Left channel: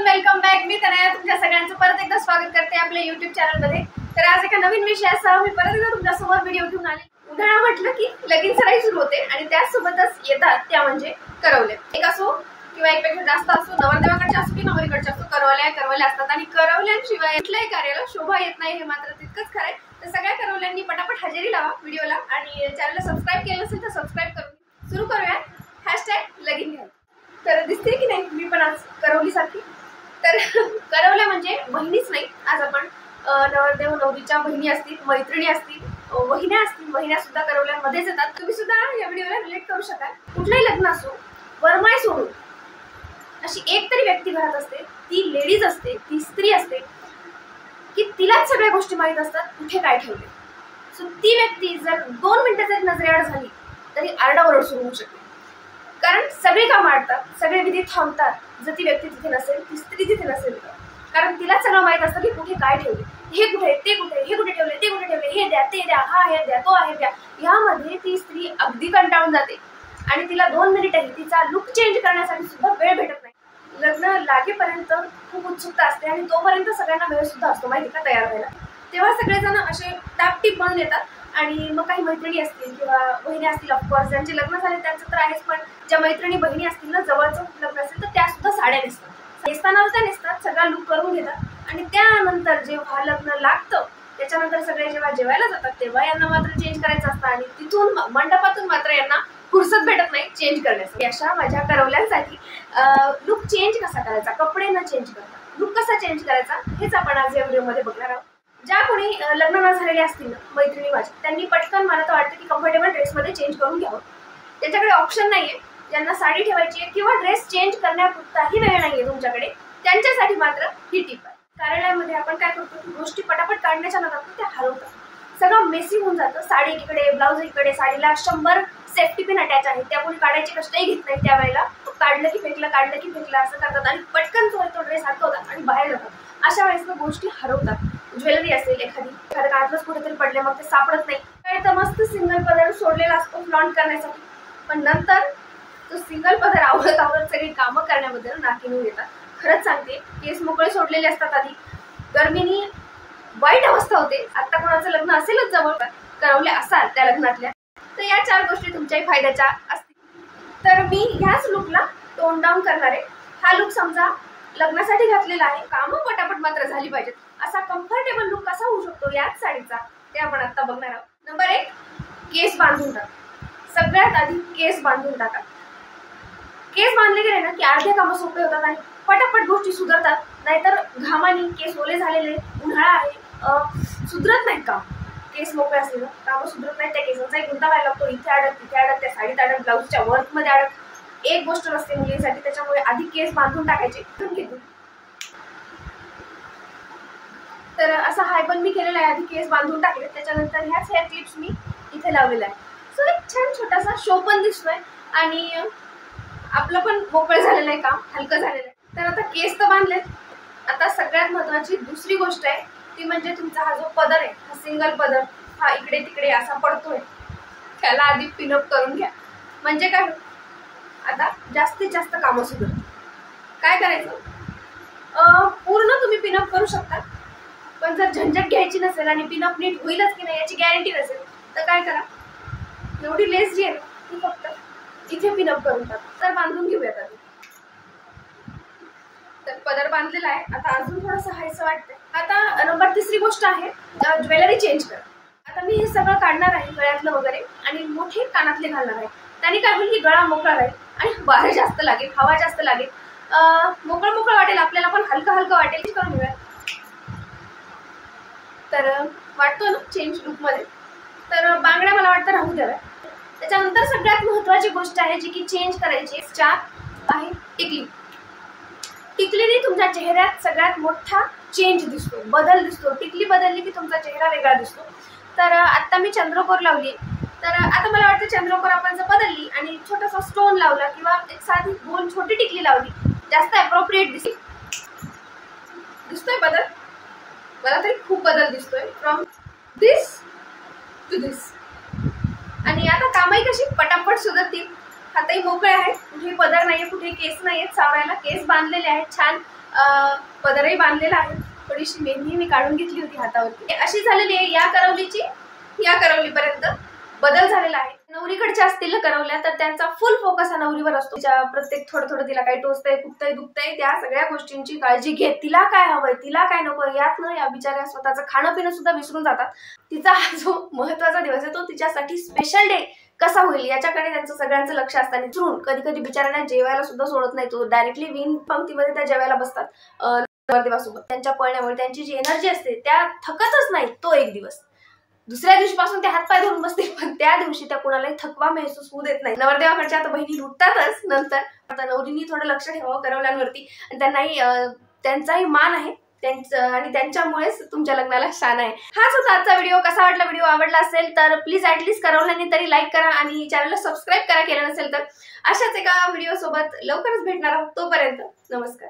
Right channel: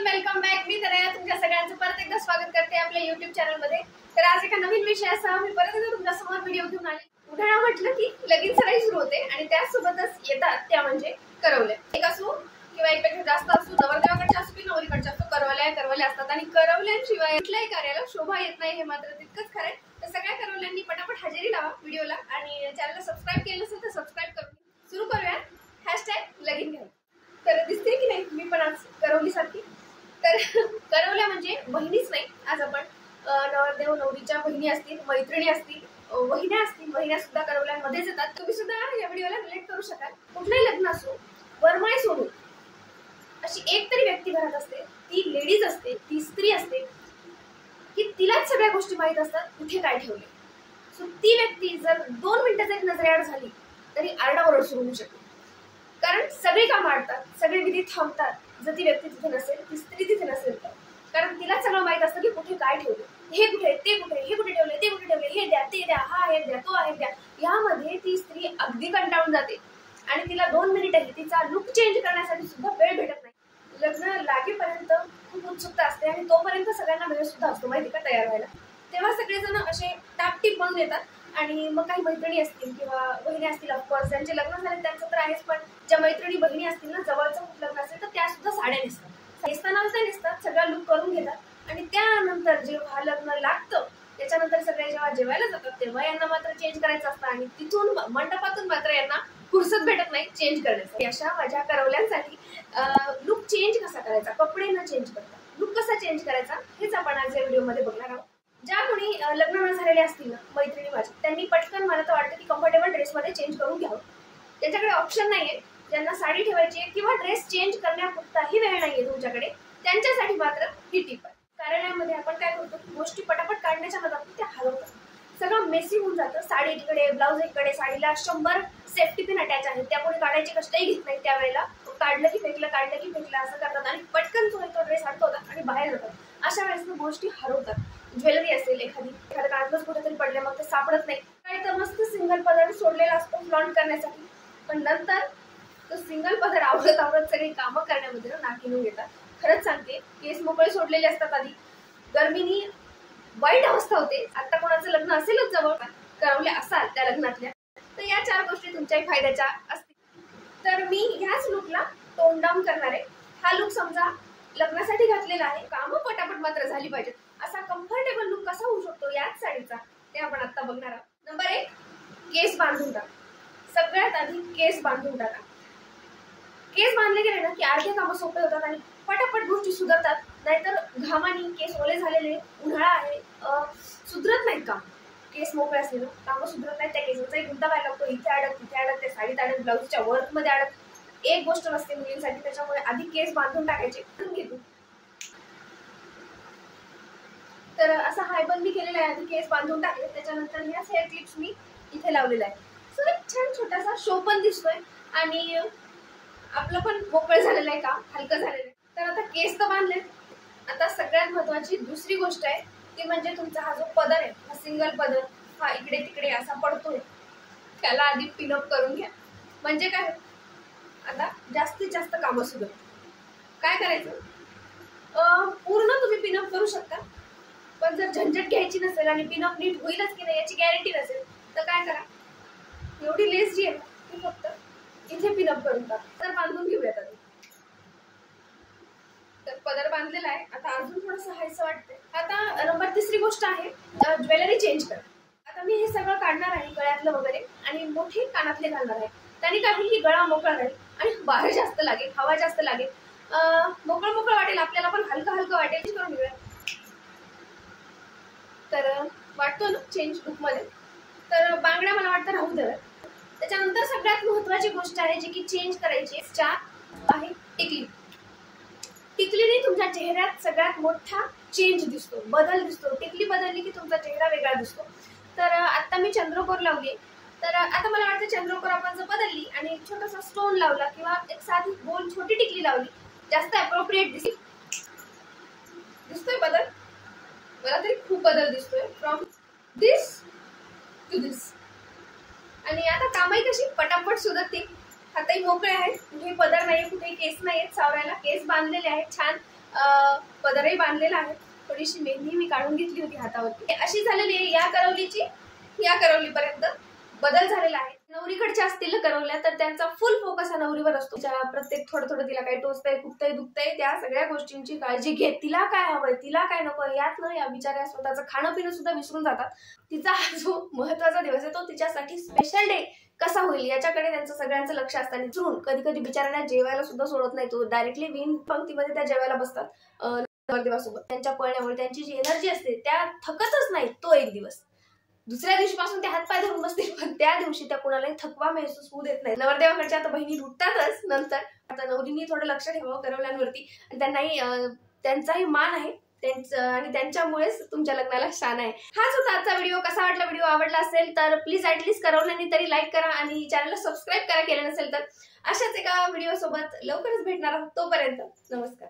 Everyone, welcome back. मी तनया तुमच्या सगळ्यांचं परत एकदा स्वागत करते आपल्या YouTube चॅनलमध्ये. तर आज एका नवीन विषयासह मी परत एकदा तुमच्या समोर व्हिडिओ घेऊन आले. उन्हाळा म्हटलं की लगीन सराई सुरू होते आणि त्यासोबतच येतात त्या म्हणजे करवले. एक असो किंवा एकपेक्षा जास्त असो, नवरदेवाकडचे असो की नवरीकडचे असो, करवल्या असतात आणि करवल्यांशिवाय कुठल्याही कार्याला शोभा येत नाही हे मात्र तितकंच खरं आहे. तर सगळ्या करवल्यांनी पटापट हजेरी लावा व्हिडिओला आणि चॅनलला सबस्क्राईब केलं असेल तर सबस्क्राईब करून सुरू करूया. #लगीन घ्या. तर दिसते की नाही मी पण आज करवली सारखी. तर करवल्या म्हणजे बहिणीच नाही, आज आपण नवरदेव नवरीच्या बहिणी असतील, मैत्रिणी असतील, वहिन्या असतील, वहिन्या सुद्धा करवल्यांमध्येच येतात. तुम्ही सुद्धा या व्हिडिओला रिलेट करू शकाल. कुठलंही लग्न असो, वरमाय सोडून अशी एक तरी व्यक्ती घरात असते, ती लेडीज असते, ती स्त्री असते की तिलाच सगळ्या गोष्टी माहीत असतात कुठे काय ठेवले. सो ती व्यक्ती जर 2 मिनिटं जरी नजरेआड झाली तरी आरडाओरड सुरू होऊ शकते. कारण सगळे काम आडतात, सगळे विधी थांबतात जर ती व्यक्ती तिथे नसेल, ती स्त्री तिथे नसेल तर. कारण तिला सगळं माहित असतं की कुठे काय ठेवले, हे कुठे, ते कुठे, हे कुठे ठेवले, ते कुठे ठेवले, हे द्या, ते द्या, हा हे द्या, तो आहे द्या. यामध्ये ती स्त्री अगदी कंटाळून जाते आणि तिला 2 मिनिटही तिचा लुक चेंज करण्यासाठी सुद्धा वेळ भेटत नाही. लग्न लागेपर्यंत खूप उत्सुकता असते आणि तोपर्यंत सगळ्यांना वेळ सुद्धा असतो माहिती का तयार व्हायला. तेव्हा सगळेजण असे टापटीप म्हणून येतात आणि मग काही मैत्रिणी असतील किंवा बहिणी असतील, ऑफकोर्स ज्यांचे लग्न झाले त्यांचं तर आहेच, पण ज्या मैत्रिणी बहिणी असतील ना, जवळचं खूप लग्न असेल तर त्या सुद्धा साड्या नेसतात. नेसताना त्या नेसतात, सगळा लुक करून घेतात आणि त्यानंतर जेव्हा लग्न लागतं त्याच्यानंतर सगळे जेव्हा जेवायला जातात तेव्हा यांना मात्र चेंज करायचं असतं आणि तिथून मंडपातून मात्र यांना फुरसत भेटत नाही चेंज करण्यासाठी. अशा माझ्या करवल्यांसाठी लुक चेंज कसा करायचा, कपडे न चेंज करता लुक कसा चेंज करायचा हेच आपण आज या व्हिडिओमध्ये बघणार आहोत. ज्या कोणी लग्न न झालेले असतील ना मैत्रिणी माझ्या, त्यांनी पटकन मला तर वाटतं की कम्फर्टेबल ड्रेसमध्ये चेंज करून घ्यावं. त्यांच्याकडे ऑप्शन नाहीये, ज्यांना साडी ठेवायची आहे किंवा ड्रेस चेंज करण्यापुरताही वेळ नाहीये तुमच्याकडे, त्यांच्यासाठी मात्र ही टिप आहे. कार्यालयामध्ये आपण काय करतो की गोष्टी पटापट काढण्याच्या नादात त्या हरवतात, सगळं मेसी होऊन जातं. साडी इकडे, ब्लाऊज इकडे, साडीला 100 सेफ्टी पिन अटॅच आहेत, त्या कोणी काढायचे कष्टही घेत नाही. त्यावेळेला काढलं की फेकलं असं करतात आणि पटकन तो ड्रेस अडकवतात आणि बाहेर जातात. अशा वेळेस गोष्टी हरवतात. ज्वेलरी असेल एखाद्या काळातच कुठेतरी पडले, मग ते सापडत नाही. काही तर मस्त सिंगल पदर सोडलेला असतो फ्लॉन्ट करण्यासाठी, पण नंतर तो सिंगल पदर आवडत सगळी कामं करण्याबद्दल नाकीनून येतात. खरंच सांगते, केस मोकळे सोडलेले असतात, आधी गर्मीनी वाईट अवस्था होते. आता कोणाचं लग्न असेलच जवळ, करवल्या असाल त्या लग्नातल्या, तर या 4 गोष्टी तुमच्याही फायद्याच्या असतील. तर मी ह्याच लुकला टोन डाऊन करणार आहे. हा लुक समजा लग्नासाठी घातलेला आहे, कामं पटापट मात्र झाली पाहिजेत. असा कम्फर्टेबल लुक कसा होऊ शकतो याच साडीचा, ते आपण आता बघणार आहोत. नंबर 1, केस बांधून टाका. सगळ्यात आधी केस बांधून टाका. केस बांधले गेले ना की अर्धे कामं सोपे होतात आणि पटापट गोष्टी सुधारतात. नाहीतर घामानी केस ओले झालेले, उन्हाळा आहे, सुधरत नाहीत काम. केस मोकळे असले ना कामं सुधरत नाहीत. त्या केसांचाही गुंता व्हायला लागतो, इथे अडक तिथे अडक, त्या साडीत अडक, ब्लाऊजच्या वर्कमध्ये अडक. एक गोष्ट नसते मुलींसाठी, त्याच्यामुळे आधी केस बांधून टाकायचे. तर असा हाय पण मी केलेला आहे, आधी केस बांधून टाकले, त्याच्यानंतर ह्याच हेअर क्लिप्स मी इथे लावलेला आहे. सो एक छान छोटासा शो पण दिसतोय आणि आपलं पण मोकळं झालेलं आहे, काम हलकं झालेलं आहे. तर आता केस तर बांधलेत. आता सगळ्यात महत्वाची दुसरी गोष्ट आहे ती म्हणजे तुमचा हा जो पदर आहे, हा सिंगल पदर, हा इकडे तिकडे असा पडतोय, त्याला आधी पिनअप करून घ्या. म्हणजे काय, आता जास्तीत जास्त कामं सुद्धा काय करायचं, पूर्ण तुम्ही पिनअप करू शकता, पण जर झंझट घ्यायची नसेल आणि पिनअप नीट होईलच की नाही याची गॅरंटी नसेल तर काय करा, एवढी लेस जी आहे ती फक्त इथे पिनअप करून टाका. तर बांधून घेऊयात आधी. तर पदर बांधलेला आहे, आता अजून थोडंसं हायसं वाटतंय. आता नंबर 3 गोष्ट आहे ज्वेलरी चेंज करा. आता मी हे सगळं काढणार आहे गळ्यातलं वगैरे आणि मोठे कानातले घालणार आहे. त्याने काय होईल की गळा मोकळा राहील आणि वारं जास्त लागेल, हवा जास्त लागेल, मोकळं वाटेल आपल्याला, पण हलकं वाटेल. करून घेऊयात. तर वाटतो ना चेंज लुकमध्ये. तर बांगड्या मला वाटतं राहू द्याव्या. त्याच्यानंतर सगळ्यात महत्त्वाची गोष्ट आहे जी की चेंज करायची आहे टिकली. टिकलीने तुमच्या चेहऱ्यात सगळ्यात मोठा चेंज दिसतो, बदल दिसतो. टिकली बदलली की तुमचा चेहरा वेगळा दिसतो. तर आता मी चंद्रकोर लावली, तर आता मला वाटतं चंद्रकोर आपण जर बदलली आणि छोटासा स्टोन लावला किंवा एक साधी गोल छोटी टिकली लावली, जास्त अप्रोप्रिएट दिसतोय बदल. मला तरी खूप बदल दिसतोय फ्रॉम दिस टू दिस. आणि आता कामही कशी पटापट सुधारतील. हातही मोकळे आहेत, कुठेही पदर नाहीये, कुठे केस नाहीयेत सावरायला. केस बांधलेले आहेत छान, पदरही बांधलेला आहे. थोडीशी मेहंदी मी काढून घेतली होती हातावरती. अशी झालेली आहे या करवलीची. या करवलीपर्यंत बदल झालेला आहे. नवरीकडच्या असतील करवल्या तर त्यांचा फुल फोकस हा नवरीवर असतो. तिच्या प्रत्येक थोडं तिला काय टोचतंय, खुपतंय, दुखतंय, त्या सगळ्या गोष्टींची काळजी घेत. तिला काय हवंय, तिला काय नको, यात ना या बिचाऱ्या स्वतःचं खाणं पिणं सुद्धा विसरून जातात. तिचा हा जो महत्वाचा दिवस आहे तो तिच्यासाठी स्पेशल डे कसा होईल याच्याकडे त्यांचं सगळ्यांचं लक्ष असताना विसरून कधी कधी बिचाऱ्यांना जेवायला सुद्धा सोडत नाही. तो डायरेक्टली विन पंक्तीमध्ये त्या जेवायला बसतात नवरदेवासोबत. त्यांच्या पळण्यामुळे त्यांची जी एनर्जी असते त्या थकतच नाही तो एक दिवस. दुसऱ्या दिवशीपासून ते हातपाय धरून बसतील, पण त्या दिवशी त्या कुणालाही थकवा महसूस होऊ देत नाही. नवरदेवाकडच्या आता बहिणी लुटतातच. नंतर आता नवरींनी थोडं लक्ष ठेवावं करवल्यांवरती, आणि त्यांनाही त्यांचाही मान आहे आणि त्यांच्यामुळेच तुमच्या लग्नाला शान आहे. हाच होता आजचा व्हिडिओ. कसा वाटला व्हिडिओ? आवडला असेल तर प्लीज ऍटलीस्ट करवल्यांनी तरी लाईक करा आणि चॅनलला सबस्क्राईब करा केलं नसेल तर. अशाच एका व्हिडिओ सोबत लवकरच भेटणार आहोत. तोपर्यंत नमस्कार.